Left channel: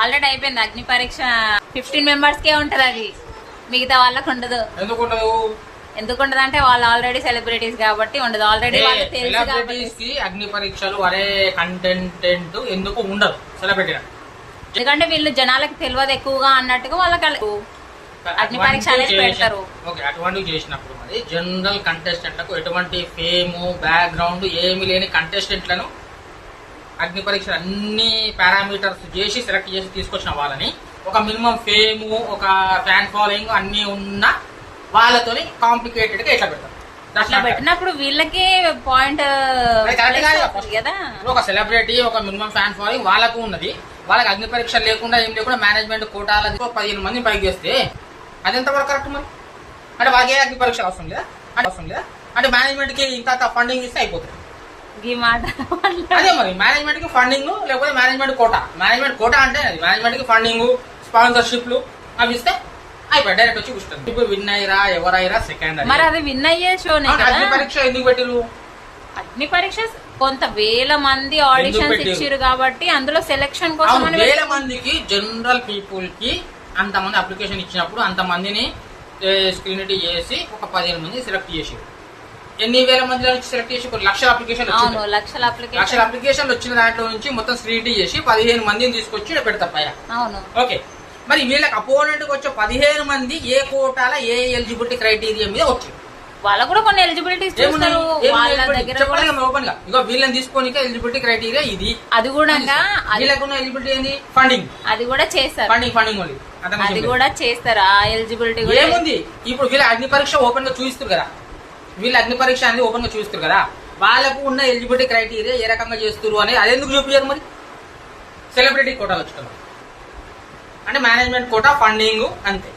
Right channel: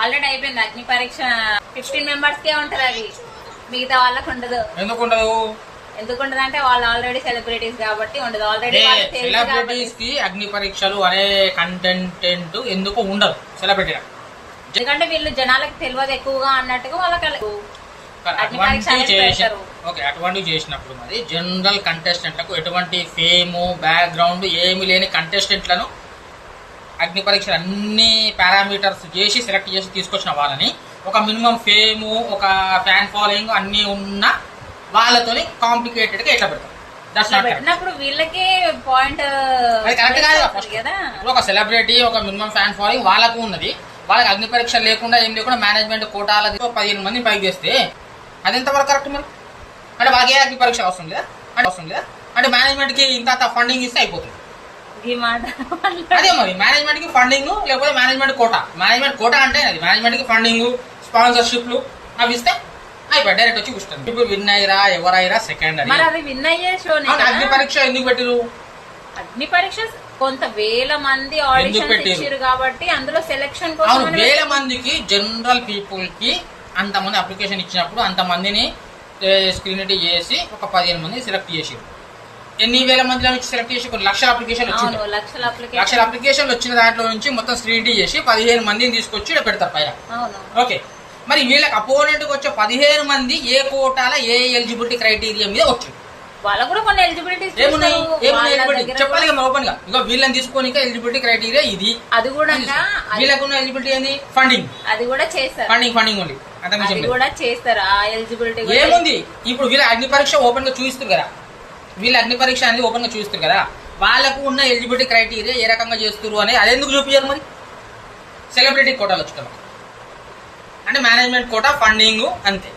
Already అయిపోయింది అగ్ని పరీక్ష. 15 మెంబర్స్ కే ఉంటది అది, మిగతా వాళ్ళకి ఉండదు. ఎందుకుండదు అంటే వాళ్ళు ఆల్రెడీ సెలబ్రిటీస్ కాబట్టి ఉండదు. ఆల్రెడీ సెలబ్రిటీస్ కి అగ్ని పరీక్షలు అనే కంటెంట్ ఎందుకు ఉండదు సెలబ్రిటీ? ఎందుకంటే వీళ్ళు జనాలకు తెలియదు ఎక్కువగా అన్నట్టుగా వాళ్ళకి అటువంటి చేసినప్పుడు మరి జనరల్ కంటెస్టెంట్లకు ఎటువంటి ఫేమ్ బ్యాక్గ్రౌండ్ ఏమి లేని కంటెస్టెంట్లను అగ్ని పరీక్షలు అన్ని పారామీటర్స్ చేసి సెలెక్ట్ చేసి తీసుకొచ్చిన వాళ్ళని ఒక మినిమం ఫేము ఒక ఫ్యాన్ ఫాలోయింగ్ అన్ని ఉన్న వాళ్ళతోని కాంప్లికేటెడ్ గా ఎట్లా పెడతారు? పెట్టినప్పుడు వీళ్ళకి పాయింట్ కరెక్ట్ కాదు కదా. ఒక సెలబ్రిటీ ఒక మినిమం ఫ్యాన్ ఫాలోయింగ్ వాళ్ళకు ఉన్నది, వాళ్ళకి అగ్ని పరీక్ష లేకుండా ఏం లేకుండా మేనేజ్మెంట్ కోటాల 15 మంది పైకి చేస్తే అది ఎంతవరకు కరెక్ట్ మరి? అంటే వాళ్ళకి ఏ అగ్ని పరీక్ష అవసరం లేదా? అంటే మేనేజ్మెంట్ కి ఇంత ఫండింగ్ ఇస్తే అయిపోతుంది. అదే మరి మేనేజ్మెంట్ కి ఫండింగ్ లేకపోతే మేనేజ్మెంట్ కోటా అంటే అది మేనేజ్మెంట్ కి ఫండింగ్ స్పాన్సర్షిప్లు అవి ఇస్తే అయిపోయి డైరెక్ట్ వచ్చి కూర్చుంటాం. ఇప్పుడు విన్ అయ్యారా ఎవరైనా సెకండ్ మరి అది విన్ అయ్యే షో. అగ్ని పరీక్ష ఎందుకు పెట్టిరు? అగ్ని పరీక్ష కొంత వేల మంది ఆడిషన్స్ ఇచ్చారు కాబట్టి అందులో సెలెక్షన్ కోసం వేల మందికి జనరల్ పీపుల్ కి అంతమంది అప్లికేషన్ ఇచ్చినప్పుడు అంతమందిని స్క్రీనిటీ చేసి ఒక 15 మంది సెలెక్ట్ చేసారు. ఎన్ని వేల మందిలో నుంచి సెలెక్ట్ చేసి కొన్ని లక్షల అప్లికేషన్ లక్షల అప్లికేషన్లు వచ్చిన దాంట్లో నుంచి మొత్తం స్క్రీనిటీ చేసి 15 మందిని తీసుకొచ్చి పెడతారు పైన. ఓకే, మరి వీళ్ళకి అపోనెంట్ కి వచ్చే 15 మంది ఏ కోటాల ఏ ఎలిజిబిలిటీ క్రైటీరియా మీద వచ్చింది? వాళ్ళకు కూడా కొన్ని ఎలిజిబిలిటీస్ చెప్పాలి కదా ఓపెన్ గా. ఇక వీళ్ళని తీసుకొని ఎలిజిబిలిటీ క్రైటీరియా ఇది. అది కూడా వీళ్ళకున్న ఎలిజిబిలిటీ ఏంది? ఫండింగ్. అది కూడా చేస్తారు. Funding only. అది కూడా చేస్తారు. ఆ ఎలిజిబిలిటీ ఏముంది? ఇప్పుడు వీళ్ళ అగ్ని పరీక్ష ఓపెన్ గా చూపిస్తారు కదా, వీళ్ళ అగ్ని పరీక్ష అనేది ఓపెన్ గా చూపిస్తారు కదా, వాళ్ళకు ఉన్న ఎలిజిబిలిటీ క్రైటీరియా ఏ రకంగా చేస్తారు అనేది అదెందుకు చూపించారు మరి? సెలబ్రిటీ కోటాలు వచ్చుతున్నారు అంటే మేనేజ్మెంట్ కోటా ఫండింగ్ అంతే.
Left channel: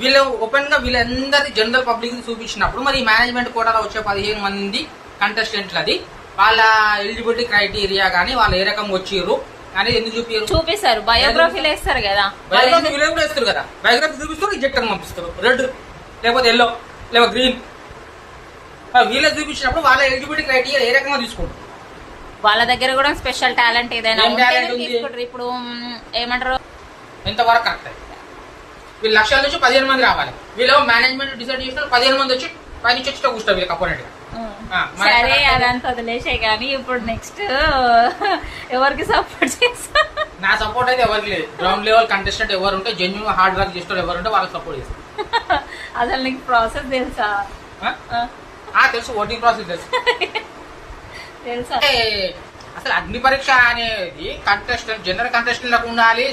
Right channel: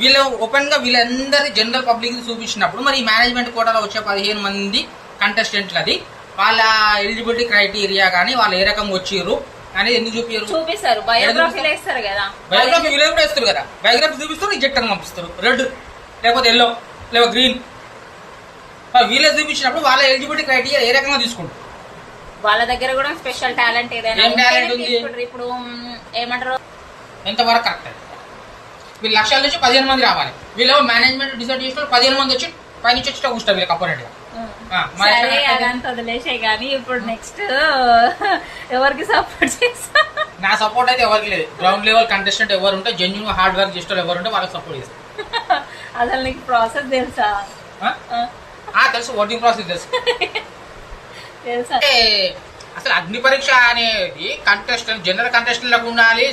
వీళ్ళు ఓపెన్ గా వీళ్ళందరి జనరల్ పబ్లిక్ చూపించినప్పుడు మరి మేనేజ్మెంట్ కోటాలో వచ్చే 15 మంది కంటెస్టెంట్లు అది వాళ్ళ ఎలిజిబిలిటీ క్రైటీరియా గానీ వాళ్ళు ఏ రకంగా వచ్చిర్రు అనేది ఎందుకు చూపిస్తారు? బయోగ్రఫీలు వేస్తారు కదా, బయోగ్రఫీ వీళ్ళు కూడా వేస్తారు కదా. బయోగ్రఫీ చూపిస్తారు, రిజెక్ట్ అని పంపిస్తారు, రెడ్ లేకపోతే ఎల్లో లేకపోతే గ్రీన్. వీళ్ళ చూపించినప్పుడు వాళ్ళ ఎలిజిబిలిటీ క్రైటీరియా ఏ రకంగా తీసుకుంటారు? వాళ్ళ దగ్గర కూడా స్పెషల్ టాలెంట్ ఏదైనా ఇప్పుడు ఏమంటారు ఎంతవరకు కరెక్ట్ అయితే వీళ్ళు లక్షల నుంచి 15 మంది రావాలి. వీళ్ళు మేనేజ్మెంట్ డిసైడ్ చేసిన 15 మంది వచ్చి పైనుంచి వచ్చి కూర్చుంటారు వీళ్ళకి అపోనెంట్ గా. అదంతా వదిలేసే కానీ ఇప్పుడు నెక్స్ట్ ఎవరికి సపోర్ట్ చేస్తా? నా సపోర్ట్ అయితే ఎవరికి లేదు. గ్రౌండ్ లెవెల్ కంటెస్టెంట్ ఎవరు ఉంటే జెన్యూన్ హార్డ్ వర్క్ చేస్తారు ఎవరు ఉంటే వాళ్ళకి సపోర్ట్ చేస్తారు. అసలు నీకు ప్రాసెస్ తెలుసా? తెలుసు, ఓటింగ్ ప్రాసెస్ తెలుసు. అసలు అగ్ని పరీక్ష అనేది కంటెస్టెంట్ జనరల్ కంటెస్టెంట్ లకు ఉండాలి.